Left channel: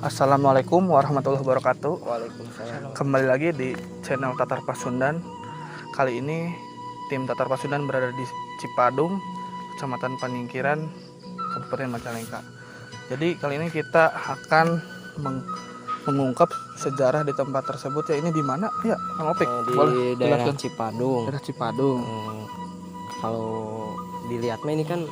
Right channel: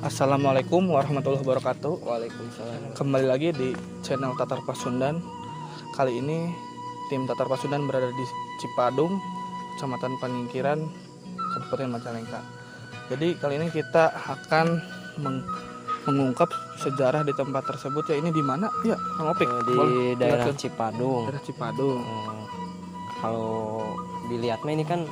Assalamualaikum warahmatullahi wabarakatuh. Waalaikumsalam. Kembali lagi di channel Tatar Pasundan. Kali ini tim Tatar Pasundan berada di Cipadung, Kecamatan Paningkiran, Kabupaten Majalengka. Jadi kali ini kita akan mengungkap sejarah di tempat tersebut. Ya, ini di mana ya, Kang Opik? Di daerah jelasin. Cipadung. Daerah Cipadung. Kalau dilihatnya ini kan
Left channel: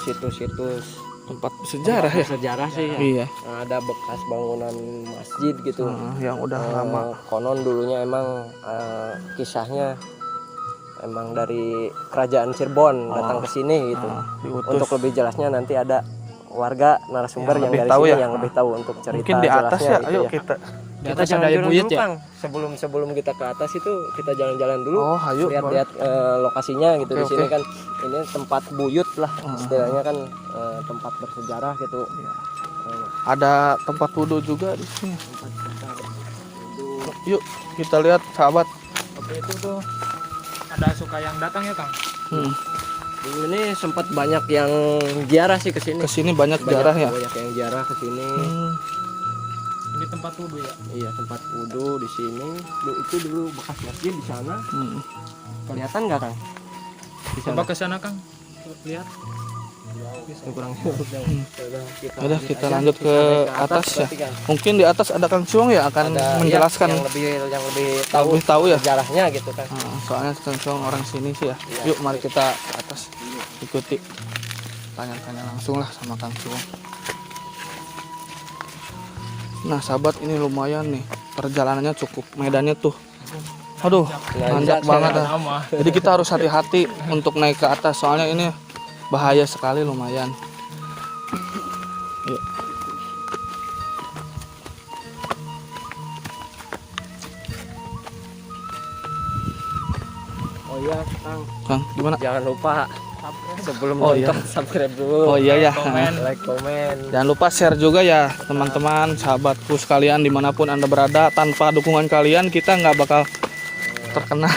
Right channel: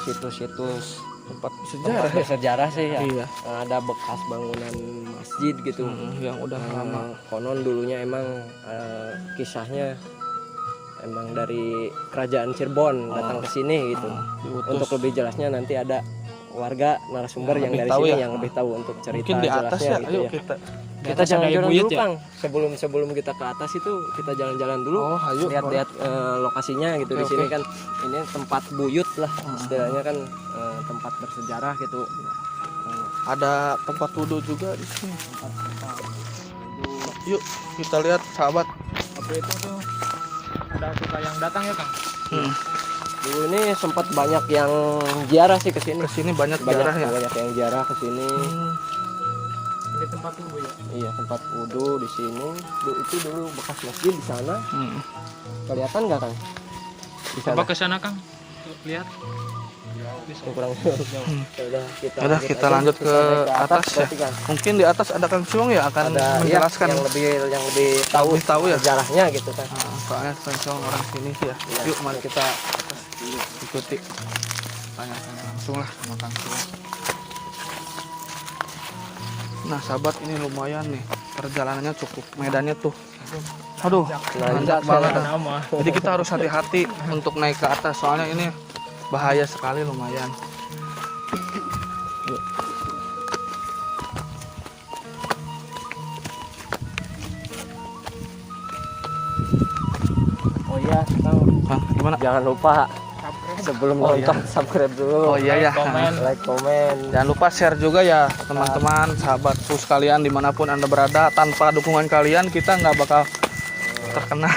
situs-situs Tempat sejarah ya. sejarah sih ya. Iya. Ada bekas bangunan masjid gitu. Yang udah lama. Konon dulunya emang kisahnya emang dari kerajaan Cirebon datang ke sini gitu. Untuk lebih jelasnya nanti ada warga narasumber yang dari sini yang lebih tahu untuk cerita mungkin di atas jelasnya ya. gitu Ayo ya. kita jalan-jalan dulu ya? Kang. Sebelum kita ke atas itu kita jalan-jalan dulu. Oh, ayo. Lihat-lihat lokasinya gitu. Di sini kan ini tempat buyut lah istilahnya kan, tempat bersejarah gitu. Ada tempat wudhu juga di sini. Yuk kita lihat sahabat. Oke, itu tuh ada suka yang datang ya Kang. Dulu ini sempat banyak yang ziarah sih ke sini. Kesini banyak jarah ya. Banyak yang ziarah ke sini. Ini tempat wudhu ya. Iya, tempat wudhu di sini. Itu dulu bekas masjid di sana. Kelihatan nggak Kang? Di sana. Coba ke sana Kang. Tuh, lihat. Udah kita lanjut ke atas ya. berarti, Kang. Mungkin di atas ada Kang Suong ya akan Ada menjelaskan yang lebih tahu ya. sejarahnya gitu kan. Soalnya Kang Suong orang sini sih ya. Iya. Yuk mari kita ke atas ikuti. Tanya-tanya langsung lah sama Kang Suong. Nah sahabat, ini lumayan nih perjalanannya, cukup medannya tuh. Aduh, nanjak banget. Nama. Jadi kita harus hati-hati untuk naik ke atas, soalnya ini bahaya sekali, lumayan. Yuk. Oh iya, Kang. Kang, gimana? Jangan lupa sebelum Oh, nonton iya. subscribe dulu. Oh iya ya. Komen. Like, komen. Jangan lupa share juga ya teman-teman, sahabatku sekalian dimanapun Anda berada. Tanpa dukungan kalian kita nggak bakal terkenal.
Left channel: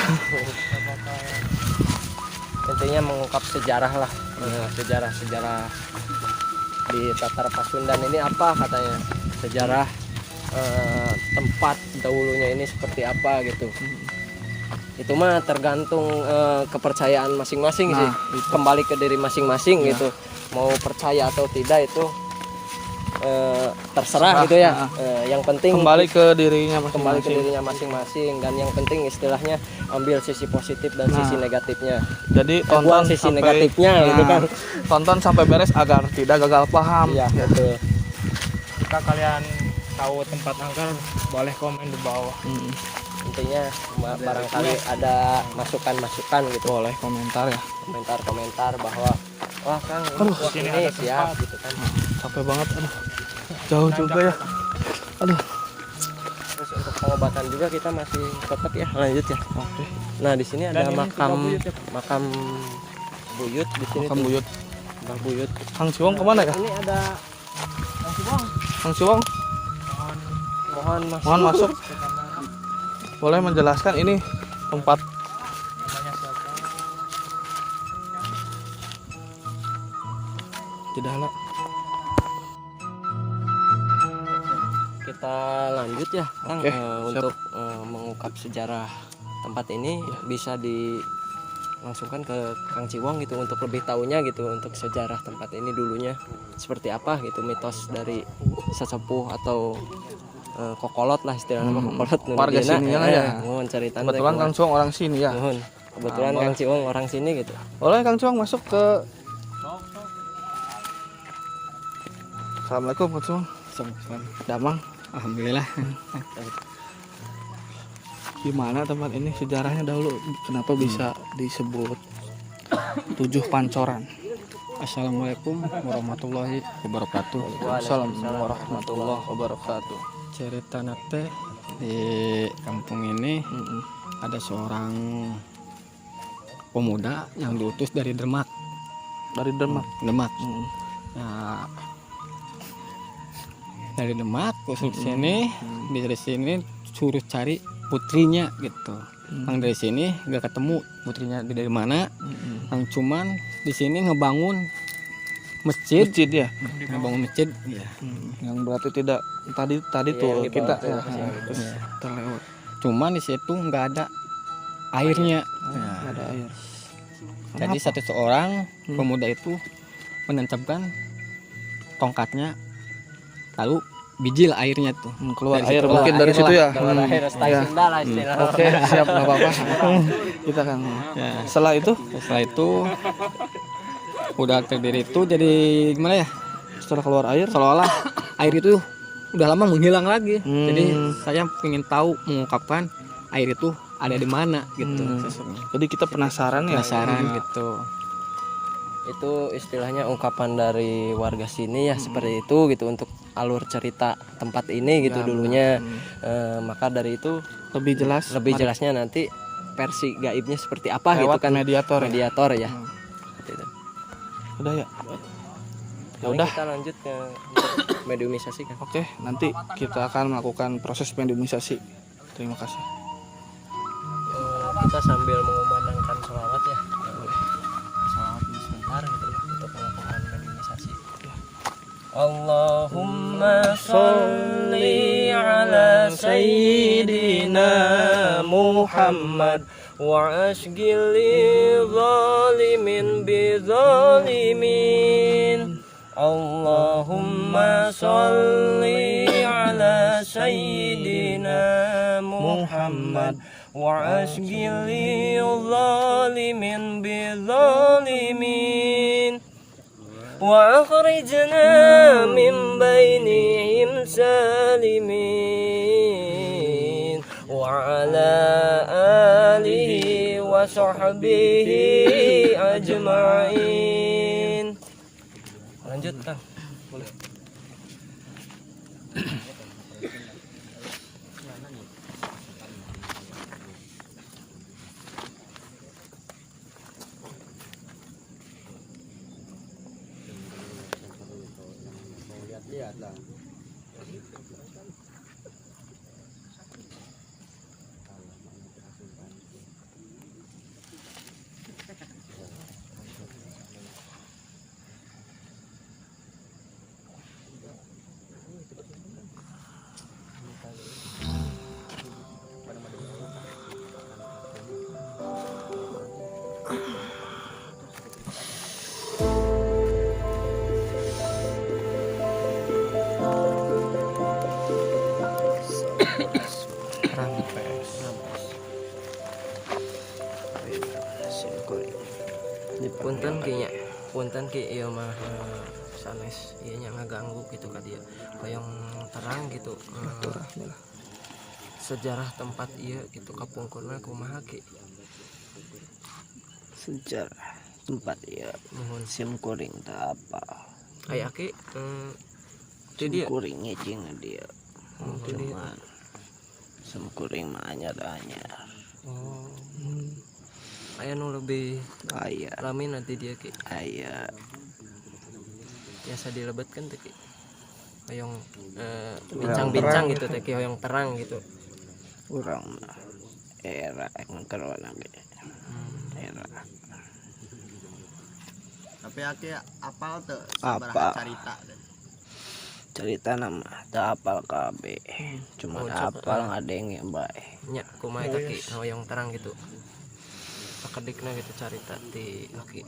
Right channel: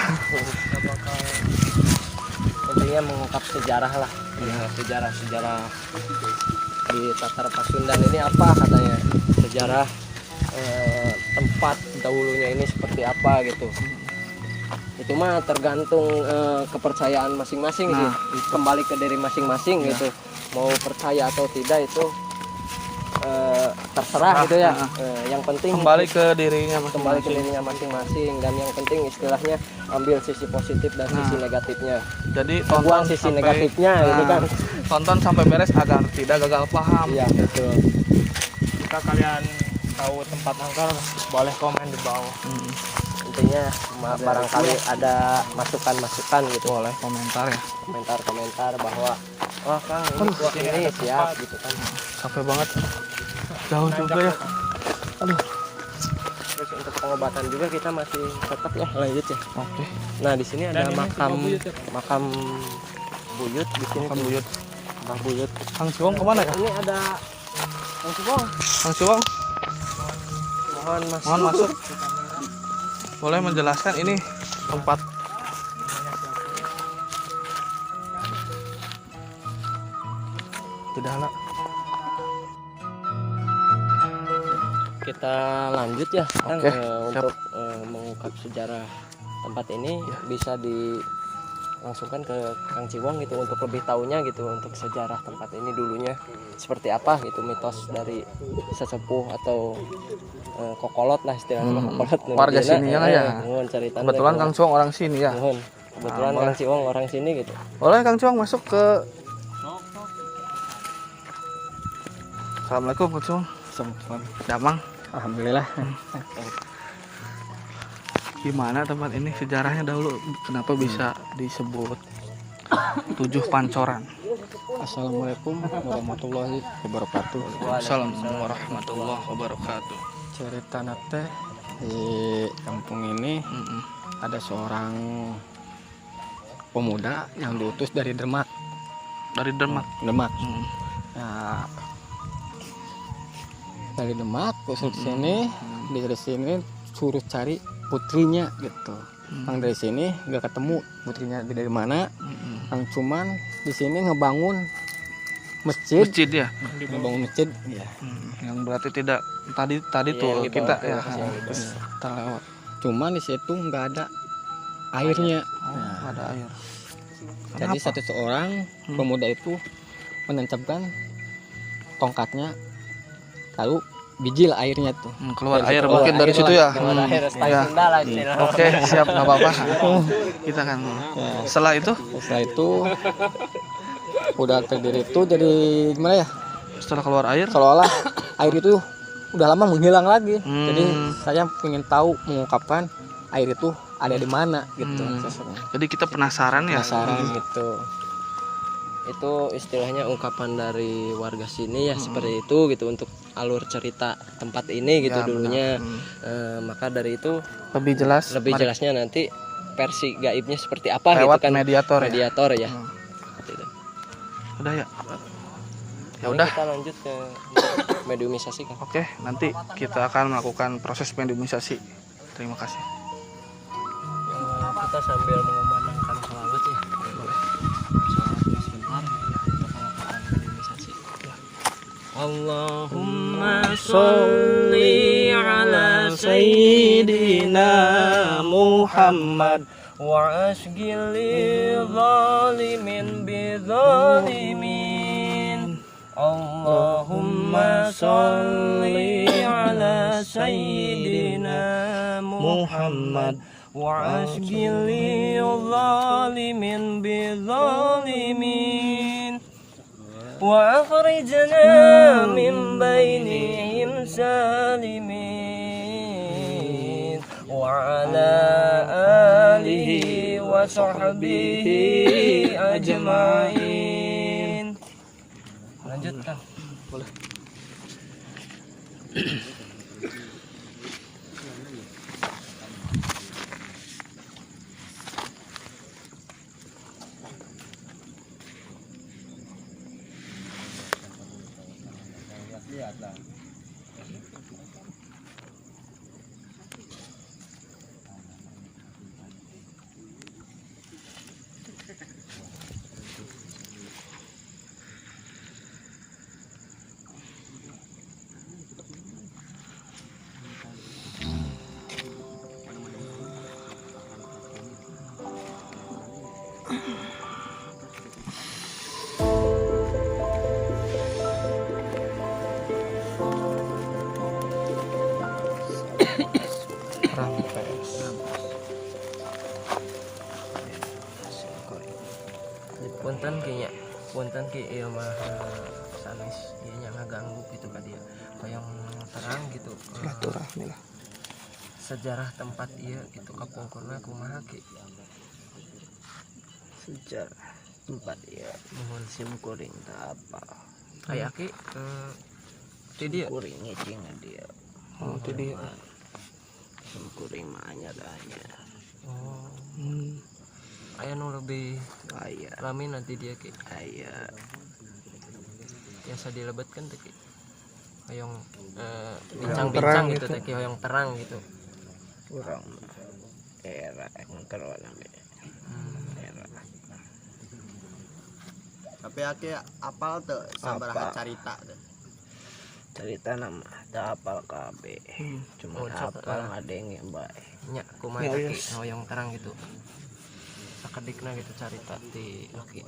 Intinya mengungkap sejarah lah. Sejarah di Tatar Pasundan ini apa katanya? Sejarah tempat dahulunya ini seperti apa gitu. Itu mah tergantung kepercayaan masing-masing sih. Kembali ke diri masing-masing gitu. Mau percaya atau tidak itu terserah gitu ya. Yang penting Kembali ke dirinya kembali ke masing-masing. dirinya masing-masing, dan yang penting istilahnya ambil sisi positif dan sisi negatifnya. Jadi Buang sisi negatifnya gitu kan. Tonton sampai beres agar tidak gagal paham. Iya, betul. Jika kalian tahu tempat angker, boleh komen di bawah. Intinya barangkali ada masukan-masukan gitu. Boleh komentar ya. Komentar bahwa wah Kang ini siap gitu kan. Capek banget nih. Jauh juga ya. Aduh. Terus untuk pengobatan juga kita masih tetap ya lanjut ya. Oke. Nah di sini ada Dan ini makam tiga buyut ya, Pak? makam buyut di sini. Makam buyut. Makam buyut. Kang Suong kemana ya? Ini ada Kang Suong, mohon masuk. mohon masuk. Boleh menjelaskan ini tempat tidak halal. Kita lanjut ya Kang, Oke, untuk mengungkap sejarah tempat ini bisa dilangsungkan ke Kang Ciwong gitu untuk lebih tahunya gitu untuk sejarah tempat ini dulunya seperti apa gitu, mitos dari sesepuh atau kokolot lah istilahnya. Kokolot Warga sini lah ya. Mohon cerita. Kebetulan Kang Suong orang sini ya. Kebetulan boleh. Kang Ciwong orang sini gitu. Boleh Kang Suong masuk ke. Assalamualaikum Kang Suong. Damang. Alhamdulillah. Gimana tempat ini sejarahnya dahulu? Kenapa bisa disebut Tujuh Pancoran? Assalamualaikum warahmatullahi wabarakatuh. Assalamualaikum warahmatullahi wabarakatuh. Cerita nate di kampung ini ada seorang pemuda yang diutus dari Demak. Dari Demak. Nah, dari Demak ke sini, dari sini suruh cari putrinya gitu. Yang dari sini nggak ketemu putrinya dari mana. Yang cuman di sini ngebangun masjid, masjid ya. membangun masjid ya. Yang berarti tidak tadi Iya, tuh yang di kita bawah ya tuh, yang di bawah. terlewat. Cuman di situ nggak ada airnya. Nggak ada air. Jadi Kenapa? satu orang pemuda itu menancapkan tongkatnya, lalu bijil airnya tuh. Keluar Dari air situ mungkin keluar dari air situ lah. ya. Keluar air style Ya. Sunda lah istilahnya. Oke, siap, nggak apa-apa. Kita kan. Setelah itu, Setelah itu udah terdiri itu jadi gimana ya? setelah keluar air, Seolah-olah air itu udah lama menghilang lagi. Hmm. Jadi saya ingin tahu mengungkapkan air itu ada di mana gitu. jadi kita penasaran ya. Penasaran gitu. Itu istilahnya ungkapan dari warga sini ya seperti itu gitu untuk alur cerita tempat ini gitu Ya, dulunya. benar. Maka dari itu Lebih jelas. lebih mari jelasnya nanti versi gaibnya seperti apa lewat gitu kan, mediator. Ya. mediator ya. Hmm. Seperti itu. Udah ya. Ya Paling udah. kita lanjut ke mediumisasi kan. Oke, nanti kita akan melakukan proses mediumisasi. Terima kasih. Kita sambil mengumandangkan sholawat ya. Boleh. Sholawat sebentar gitu ya untuk melakukan mediumisasi. Allahumma sholli ala sayyidina Muhammad wa asgil zalimin bi zalimin. Allahumma sholli ala sayyidina Muhammad wa asgil zalimin bi zalimin. وأخرجنا من بينهم سالمين وعلى آله وصحبه أجمعين. Lanjutkan. Boleh. Rampes. Punten kayaknya punten ki ieu mah sanes ieu nya ngaganggu gitu ka dia hoyong terang gitu. Baturahmi lah. Sejarah tempat ieu gitu kapungkurna kumaha ki? Sejarah tempat ya Nuhun. sim kuring tak apa Aya ki ti dieu. kuringnya cing dia Oh, itu dia. sim kuring mah anyar Oh. Aya nu lebih ayah lami nanti dia ki ayah biasa dilebetkeun teh ki. Hoyong bincang-bincang gitu teh ki hoyong terang gitu. kurang mah era ngkerona nabe era Tapi aki apal tuh sabaraha carita teh. cerita nama tak apal kabe cuma apal ngadenge bae Nya kumaha teh ki hoyong terang gitu. Sakedikna gitu carita ti oke.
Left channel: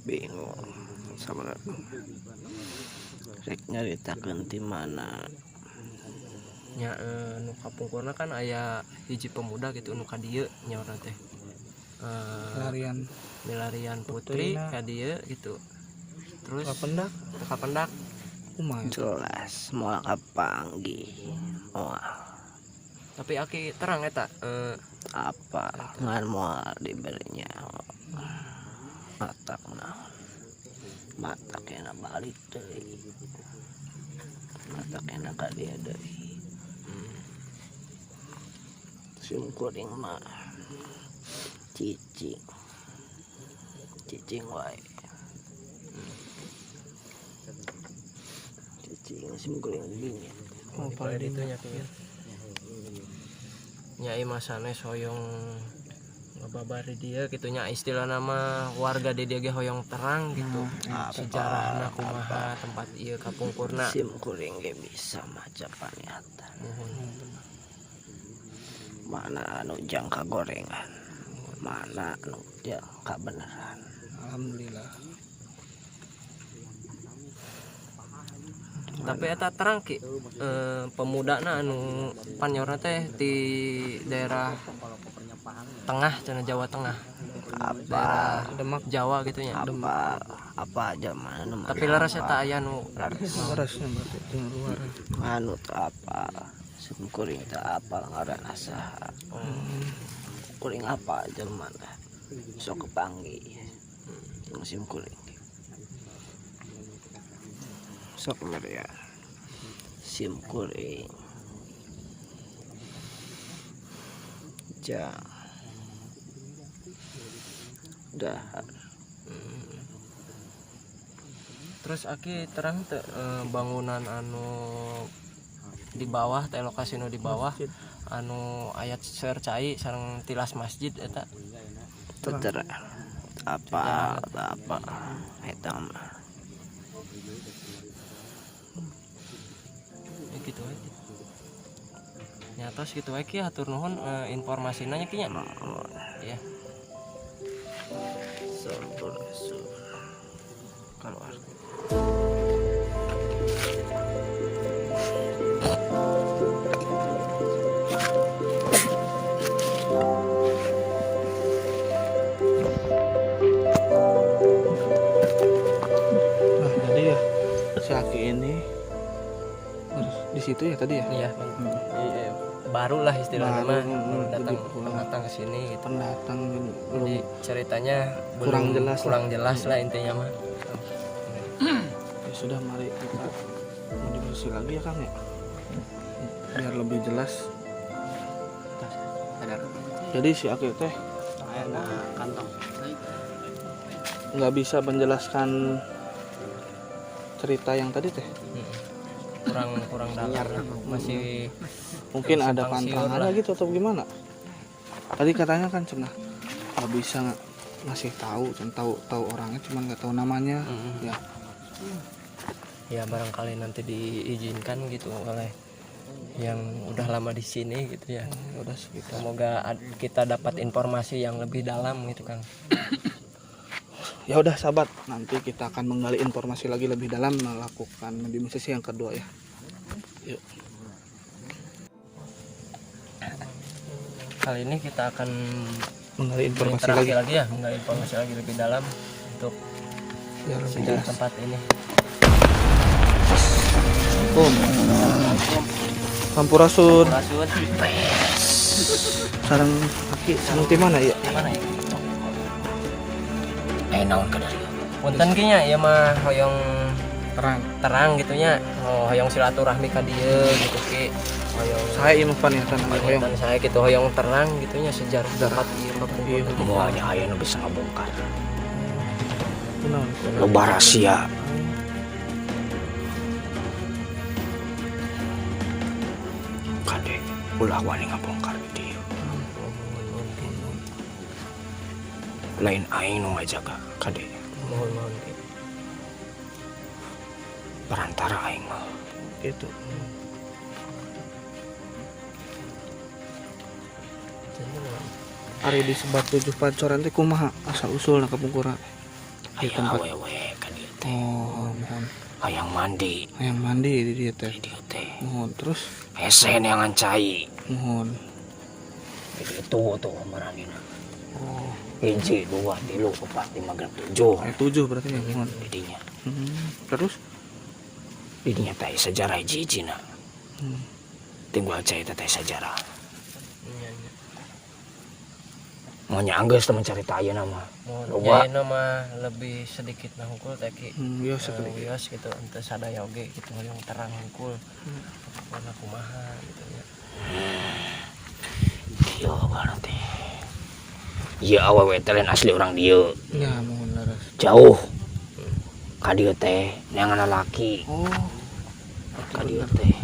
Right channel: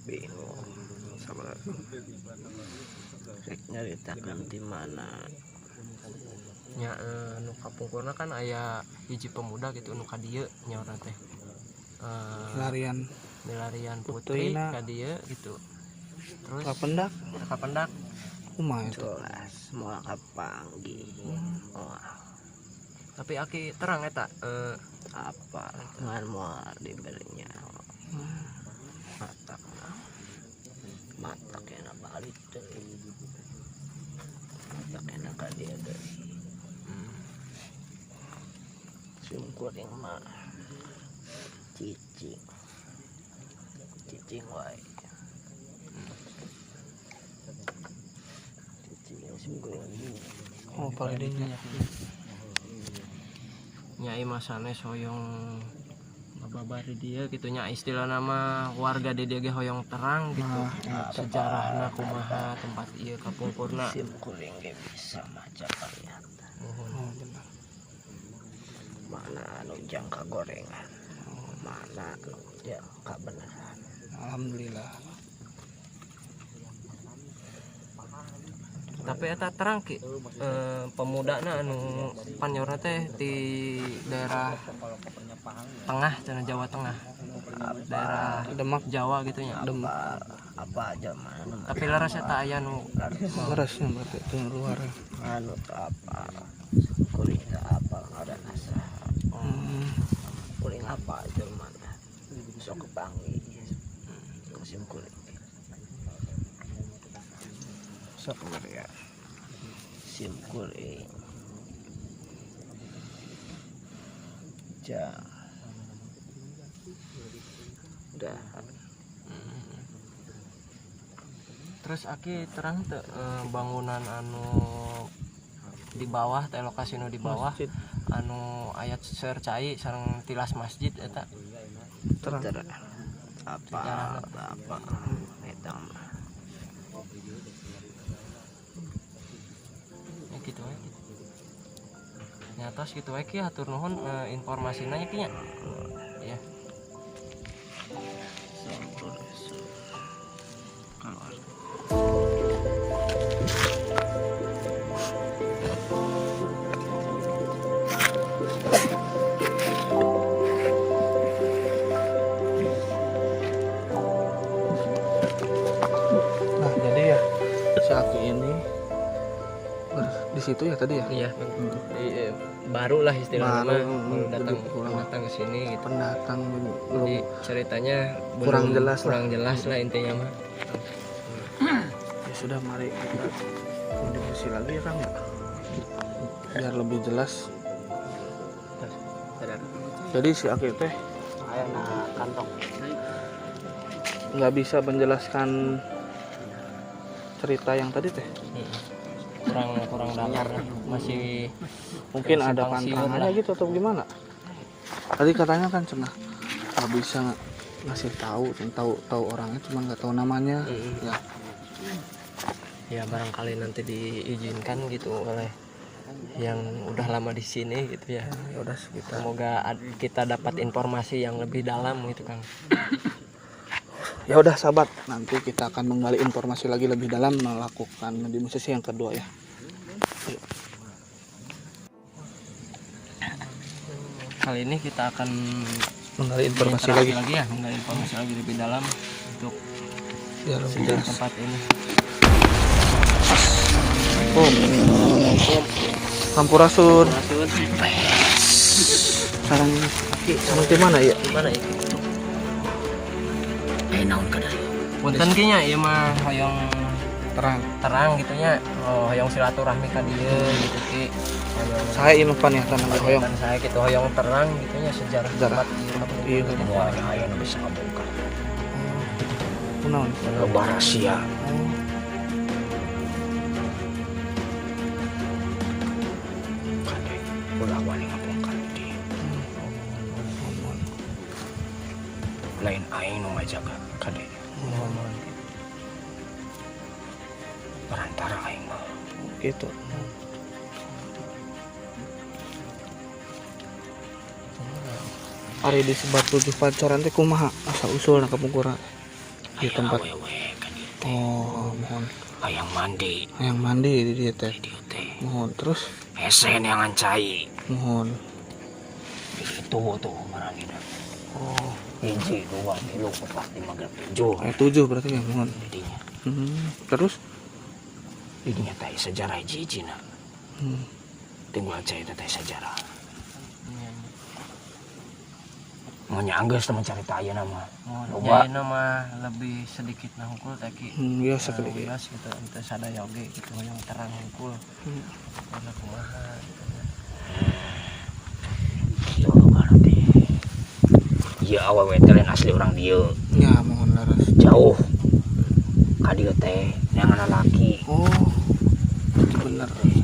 bingung sabar rek nyaritakeun ti mana Nya nu kapungkurna kan aya hiji pemuda gitu nu ka dieu nya urang teh. Larian Milarian putri Putrina. ka dieu gitu. Terus kapendak. teka pendak Kumaha itu? jelas moal kapanggih moal tapi aki terang eta apa ngan moal diberinya matak kena balik deui matak kena ka dia deui sim kuring mah cicing wae cicing sim kuring bingung Oh, paling dina. nya imah sanes hoyong babar di dia gitunya istilah nama warga di dia ge hoyong terang gitu. Sejarahna kumaha tempat ieu kapungkurna. Sim kuring ge bisa maca pariatan. Mana anu jangka gorengan, mana anu jangka beneran. Alhamdulillah. Tapi eta terang ki pemudana anu panyorna teh di daerah tengah cenah Jawa Tengah. Daerah Demak Jawa gitu ya. Apa aja mana Tapi leres eta aya nu harusnya berarti itu yang luar. anu teu apa kuring teu apa ngaranna saha. Kuring apa aja mana sok kepanggih musim kuring sok ya sim kuring ja dah. terus aki terang teh bangunan anu di bawah teh lokasi nu di bawah anu ayat sercai sareng tilas masjid eta Bener. Apa eta mah ya gitu we. Nyatos gitu we ki hatur nuhun informasinya nya ki nya. Ya. keluar. Nah, jadi ya si Aki ini di situ ya tadi ya. Iya. Baru lah istilahnya. Jadi kurang datang ke sini gitu. pendatang Jadi belum ceritanya kurang jelas lah. kurang jelas lah intinya mah. Ya sudah, mari kita mau diskusi lagi ya Kang ya, biar lebih jelas. Jadi si Aki teh Ayo na kantong. nggak bisa menjelaskan cerita yang tadi teh. kurang dalam masih Mungkin ada simpang siur pantangannya gitu atau gimana. Tadi katanya kan cenah nggak bisa ngasih tahu orangnya, cuman nggak tahu namanya. Ya ya barangkali nanti diizinkan gitu oleh yang udah lama di sini gitu ya. udah kita Semoga kita dapat informasi yang lebih dalam gitu kan. ya udah sahabat, nanti kita akan menggali informasi lagi lebih dalam melakukan di sesi yang kedua ya. Yuk. Kali ini kita akan Menggali informasi berinteraksi lagi ya, menggali informasi lagi lebih dalam untuk biar lebih sejarah jelas. tempat ini. Sampurasun. Sarang Aki sarang di mana ya? Punten kieu nya ieu mah hoyong Terang. gitu nya. Oh, hoyong silaturahmi ka dieu gitu ki. Hoyong Saya Ilvan yang tanah hoyong. dan saya gitu hoyong terang gitu nya sejarah tempat ieu Iya, Semuanya aya nu bisa ngabongkar. benar. Loba rahasia. Kade ulah wani ngabongkar di. Lain aing nu ngajaga kade. mohon gitu. Perantara aing mah. Gitu. Ari disebat tujuh pancoran teh kumaha asal usul na kapungkurna di tempat. Awewe kan dieu teh. Oh, mohon. Hayang mandi Yang mandi di dia teh. di dieu teh. Mohon terus Hesen yang ngancai. mohon. Itu tuh maragina. Oh, 1, 2, 3, 4, 5, 6, 7. ayat 7 berarti ya mohon. Didinya. Terus Didinya teh sejarah hiji-hijina. Hmm. Tinggal cai teh sejarah. Iya, iya. Mau nyanggeus teman cerita ayeuna mah. Mohon jayana mah lebih sedikit nah hungkul teh ki. Biasa sedikit. Bias gitu ente sadaya oge gitu hoyong terang hungkul. Karena kumaha gitu ya. Yo berarti. Ieu awewe teh lain asli orang dieu. Ya mohon laras. Jauh. Ka dieu teh neangan laki. Oh, Ka dieu teh.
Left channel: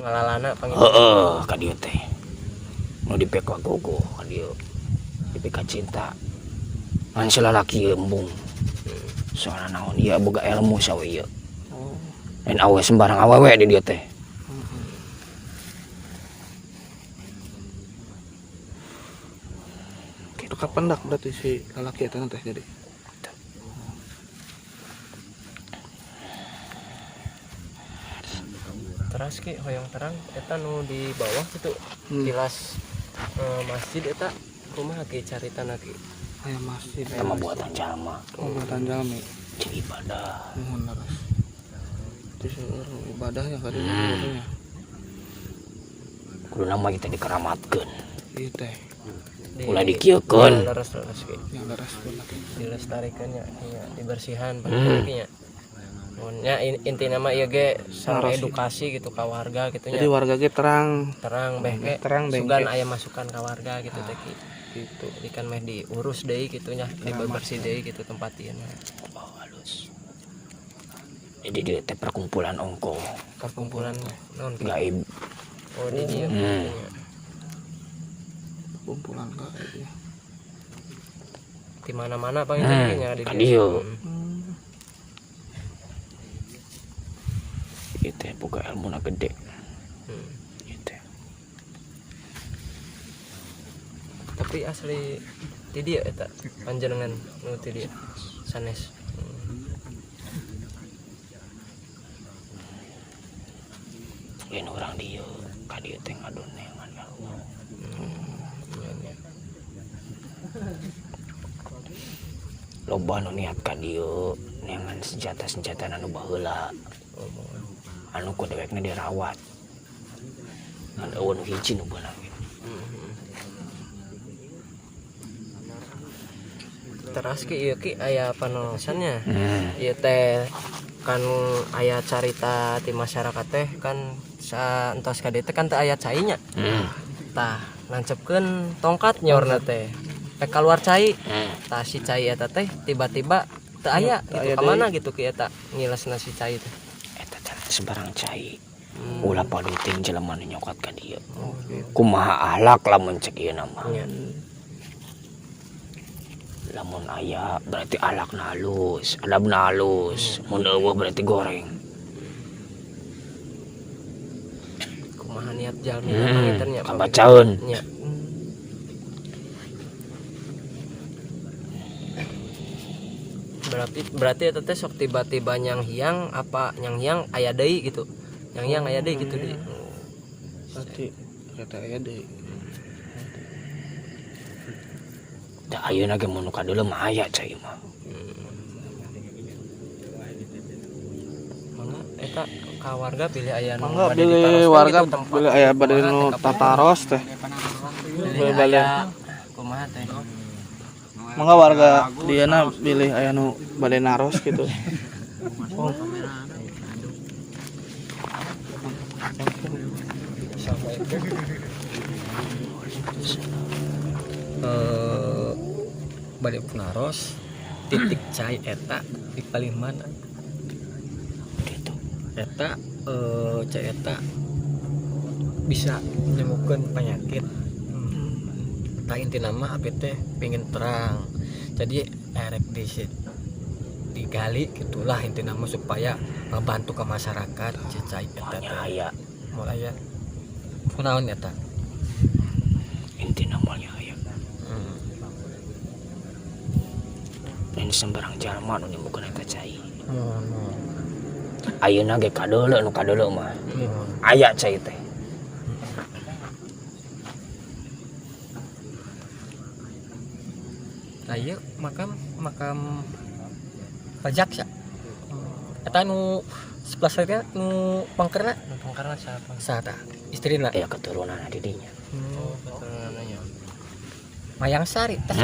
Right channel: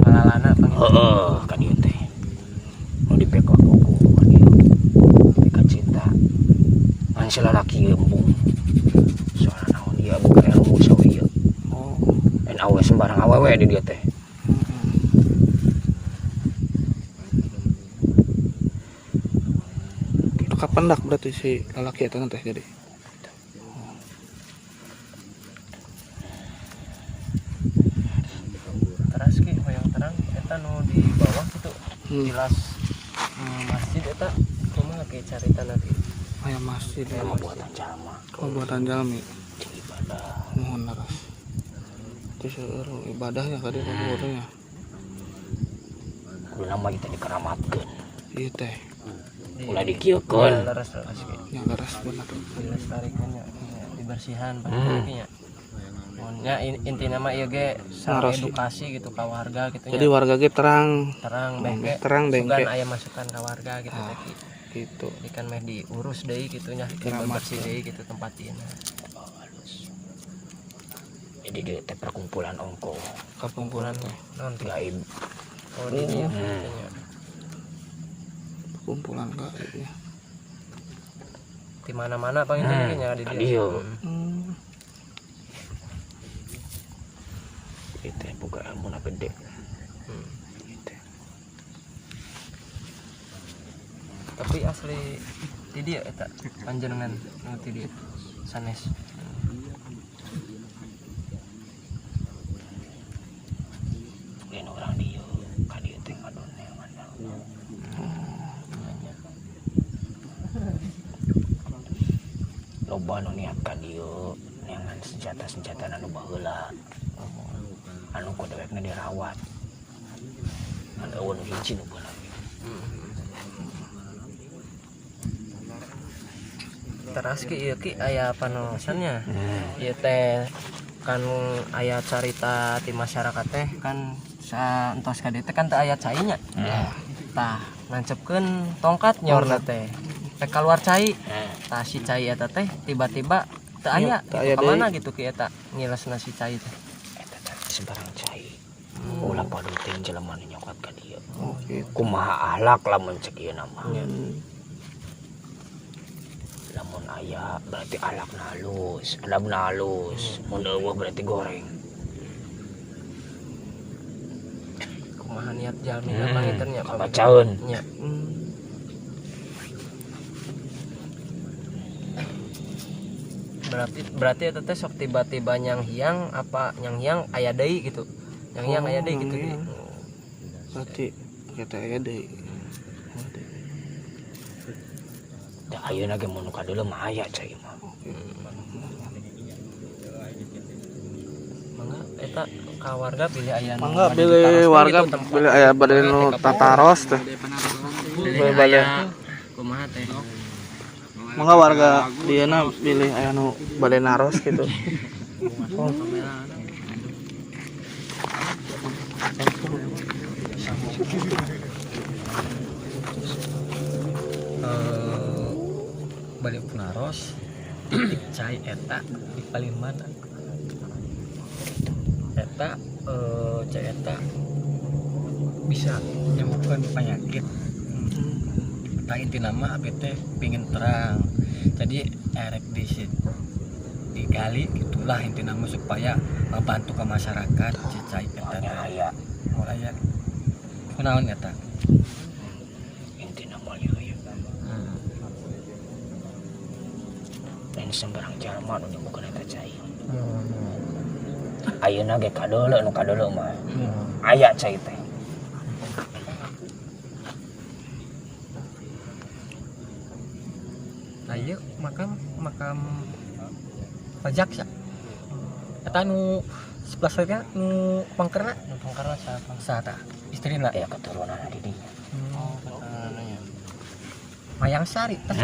Malalana panggil. Heeh, ka dieu teh. Nu dipekot bogo ka dieu. Kan si lalaki embung. Soalnya naon ieu boga ilmu sawi ieu. Oh. Dan awe sembarang awewe di dieu teh. Itu kapan dak berarti si lalaki eta teh jadi. Teras ki hoyong terang eta nu di bawah itu tilas masjid eta kumaha ki caritana ki. Aya masjid Sama buatan jalma. buatan jalmi. Jadi ibadah. Mohon laras. Itu seueur ibadahnya ka dieu fotonya. Kudu nama kita dikeramatkeun. Ieu teh Ulah dikieukeun. Leres ki. yang laras bener. Dilestarikan ya, dibersihan nya. Ya intinya mah ieu ge Naros. edukasi gitu ka warga gitu Jadi nya. warga ge terang Terang bengke. terang Sugan bengke aya masukan ka warga gitu teh ki. gitu. Jadi kan meh diurus deui gitu nya, bersih deui gitu tempat ieu. Jadi dia teh perkumpulan ongko Kumpulan non gaib. oh di dieu gitu nya. Kumpulan ka ya. Di mana-mana pangintennya di Ka dieu. dieu. Itu boga ilmuna gede. Gitu. Tapi asli di dieu eta panjenengan nu ti dieu sanes. Lain orang dieu, ka dieu teh ngadon neangan. Loba nu niat ka dieu neangan senjata-senjata anu baheula. Anu ku dewekna dirawat. Ada nu hiji nu beunang. Teras ki ieu ki aya panosannya. Ieu teh kan aya carita ti masyarakat teh kan saentos ka dieu teh kan teh aya cainya. Tah nancepkeun tongkat nyorna teh. Keluar cai. Tah si cai eta teh tiba-tiba teu aya aya ka mana gitu ki eta ngilesna si cai teh. Eta sembarang cai. Ulah paduting jelema nu nyokat ka dieu. Oke. Kumaha ahlak lamun cek ieu nama. Nya. Lamun aya berarti alakna halus, adabna halus. Mun eueuh berarti goreng. Kumaha niat jalmi panginten nya Kabacaeun. nya. Berarti eta teh sok tiba-tiba nyang hiang apa nyang hiang aya deui gitu. Nyang hiang aya deui gitu. Berarti kita aya deui. Da ayeuna ge mun nu kadeuleu mah aya cai mah. Mangga eta ka warga pilih aya nu Mangga bade pilih ditaroskeun warga gitu tempat. pilih aya bade nu tataros teh. Pilih bade. Kumaha teh? Mangga warga dieuna pilih aya nu bade naros gitu. Oh. Bade naros titik cai eta di paling mana? Eta cai eta bisa menyembuhkan penyakit. Tak inti nama apa teh pengen terang. Jadi erek digali gitulah inti nama supaya membantu ke masyarakat cicai eta teh. Aya Mau aya. Kunaon eta? inti namanya aya. Dan sembarang jalma nu nyembuhkeun eta cai. Ayeuna ge kadeuleu nu kadeuleu mah. Aya cai teh. Nah ieu makam pajak ya. Eta nu sebelah saya nu pangkerna siapa? Saha istrina. Aya keturunan di dinya. Mayang Sari teh.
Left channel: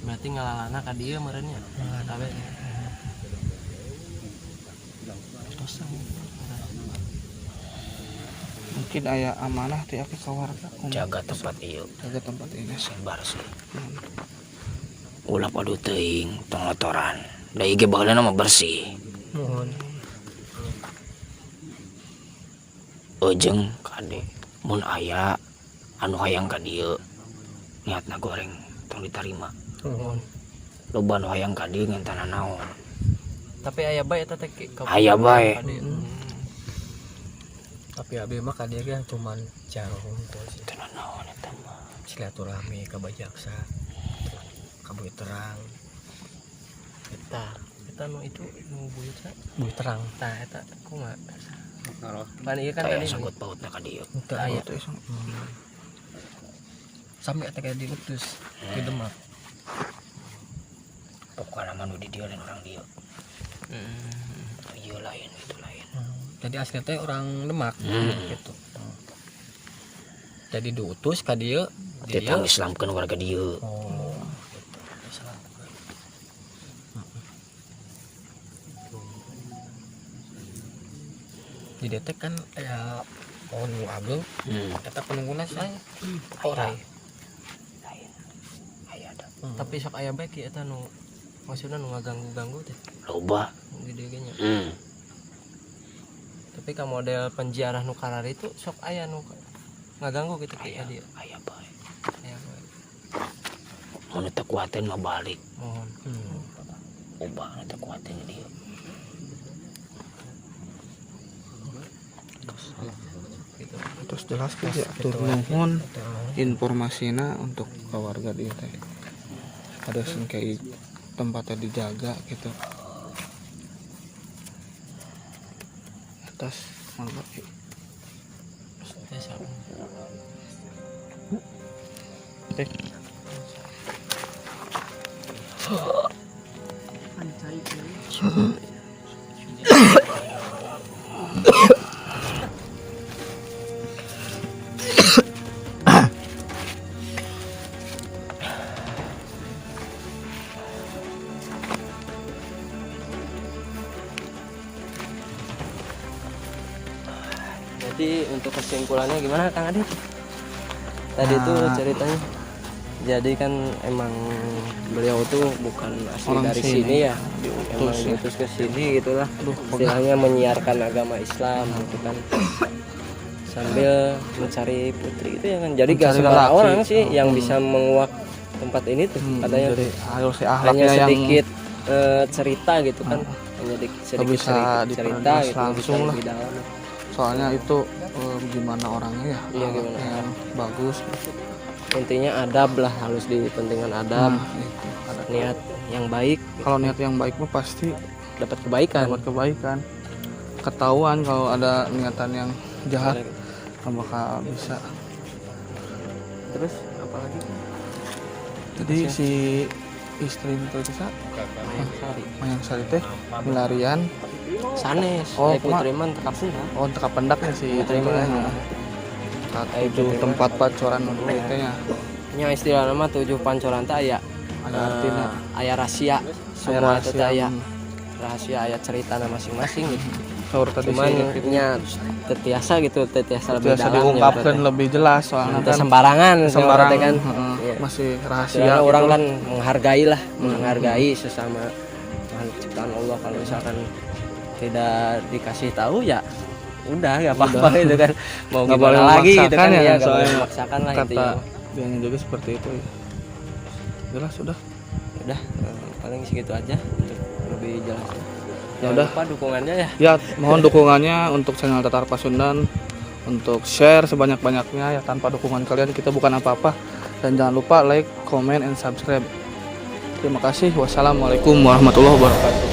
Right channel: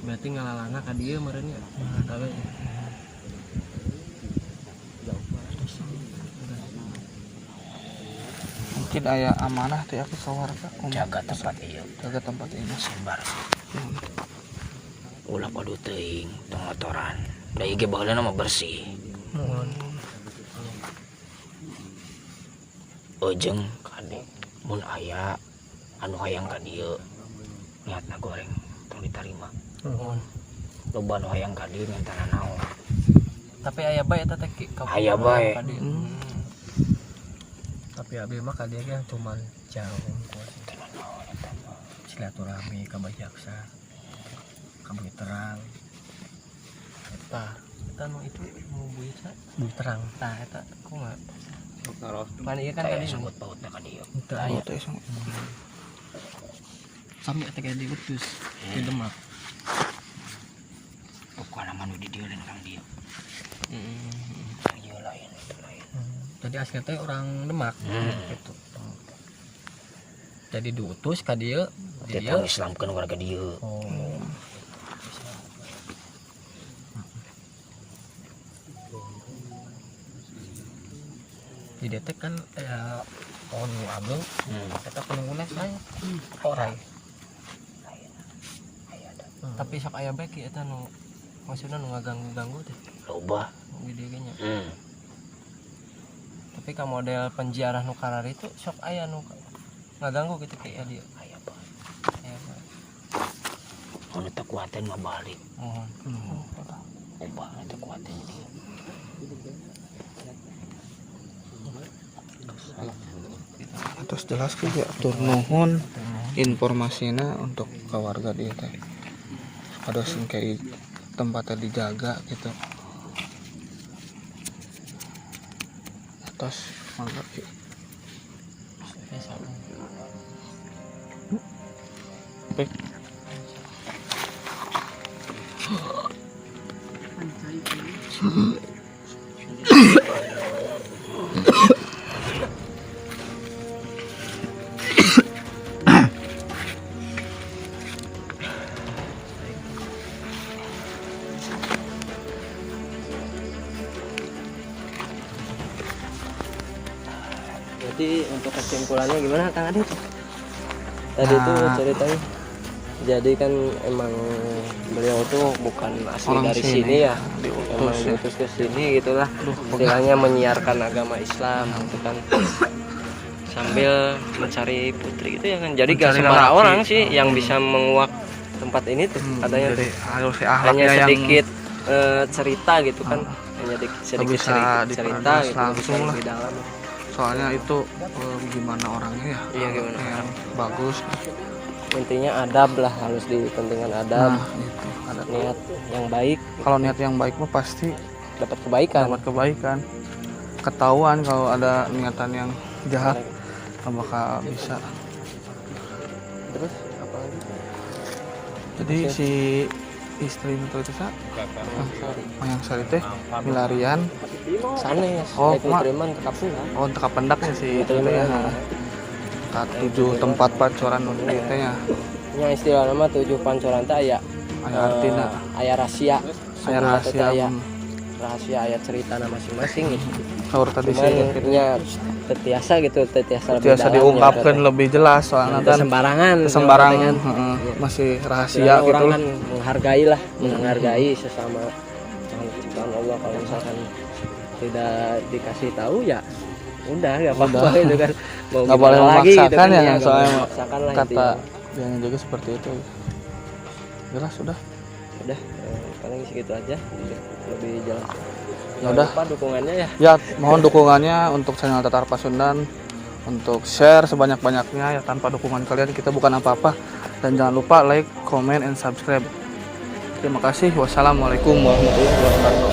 Berarti ngalalana ka dieu meureun nya. Kabe. Mungkin aya amanah ti aki ka warga. Jaga tempat ieu. Jaga tempat ini. Sebar sih. Ulah padu teuing pengotoran. Da ieu ge baheulana mah bersih. Mohon. Ojeng kade mun aya anu hayang ka dieu niatna goreng tong diterima Nuhun. loba anu hayang ka dieu ngentana naon Tapi aya bae eta teh Aya bae. Tapi abi mah ka dieu ge cuman jarang teu naon eta silaturahmi ka bajaksa. Ka bui terang. Eta nu itu nu bui terang tah eta kumaha. Pan ieu kan aya tadi sanggut pautna ka dieu teu aya. Sampai teh ka diutus di Demak. pokokna mah nu di dieu lentang dieu ieu lain itu lain Jadi asli teh orang Demak gitu. Jadi diutus ka dieu teh Islamkeun warga dieu Oh. Di detek kan ya pohon nu ageng eta penungguna saya orai. Tapi sok aya bae ki eta nu maksudna nu ngaganggu-ganggu teh loba di dieu nya. Tapi ka model penziarah nu karar itu sok aya nu ngaganggu gitu ki dia. aya bae Aya bae. mun teu kuaten mah balik Mohon. loba teu kuaten dieu Terus jelas ya tur nuhun informasinya untuk keluarga dia teh ada sing kayak tempatnya dijaga gitu atas mantap sih. Oke. Jadi untuk kesimpulannya gimana Kang Adit? Tadi itu ceritanya. Jadi kan emang beliau itu bukan asli Orang dari sini, sini ya. diutus Emang ya. diutus ke sini gitulah. Aduh, Istilahnya menyiarkan agama Islam gitu kan. Sambil mencari putri itu ya kan. Jadi gak Mencari sembarang lelaki. orang sih yang bisa menguak tempat ini tuh katanya jadi tuh. harus si Hanya ahlaknya yang sedikit cerita gitu kan. Hanya sedikit bisa cerita diperjelas gitu langsung bisa lah. lebih dalam. soalnya itu gimana orangnya ya Iya, gimana ahlaknya yang bagus Intinya adab lah, harus dipentingkan adab. nah itu ada Niat yang baik kalau niat yang baik mah pasti dapat kebaikan. dapat kebaikan ketahuan kalau ada niatan yang jahat nggak bakal bisa Terus apa lagi? jadi si istri itu bisa Mayang Sari teh milarian Sanes. Oh, Mak. Mak. oh untuk pendaknya si itu ya tak 7 tempat pacoran dulu itu ya Nya istilah nama 7 pancoran teh aya ada artinya aya rahasia. saya Semua teh rahasia aya rahasia aya cerita masing-masing gitu. kalau tadi Cuman sih ya tetiasa gitu, tetiasa lebih biasa dalam, diungkapkan ya, lebih jelas soalnya teh kan sembarangan sembarang kan. heeh, masih rahasia Istilahnya gitu orang kan menghargai lah, menghargai sesama ciptaan Allah. Kalau misalkan tidak dikasih tahu ya udah nggak apa-apa gitu kan. Mau nggak boleh gimana lagi, memaksakan gitu ya, nggak soalnya boleh memaksakan lah kata intinya. dia juga seperti itu jelas sudah Udah paling segitu aja lebih jelas. Ya udah. Jangan lupa dukungannya ya. ya mohon dukungannya untuk channel Tatar Pasundan untuk share sebanyak-banyaknya ya tanpa dukungan kalian kita bukan apa-apa dan jangan lupa like, comment, and subscribe. Terima kasih. Wassalamualaikum warahmatullahi wabarakatuh.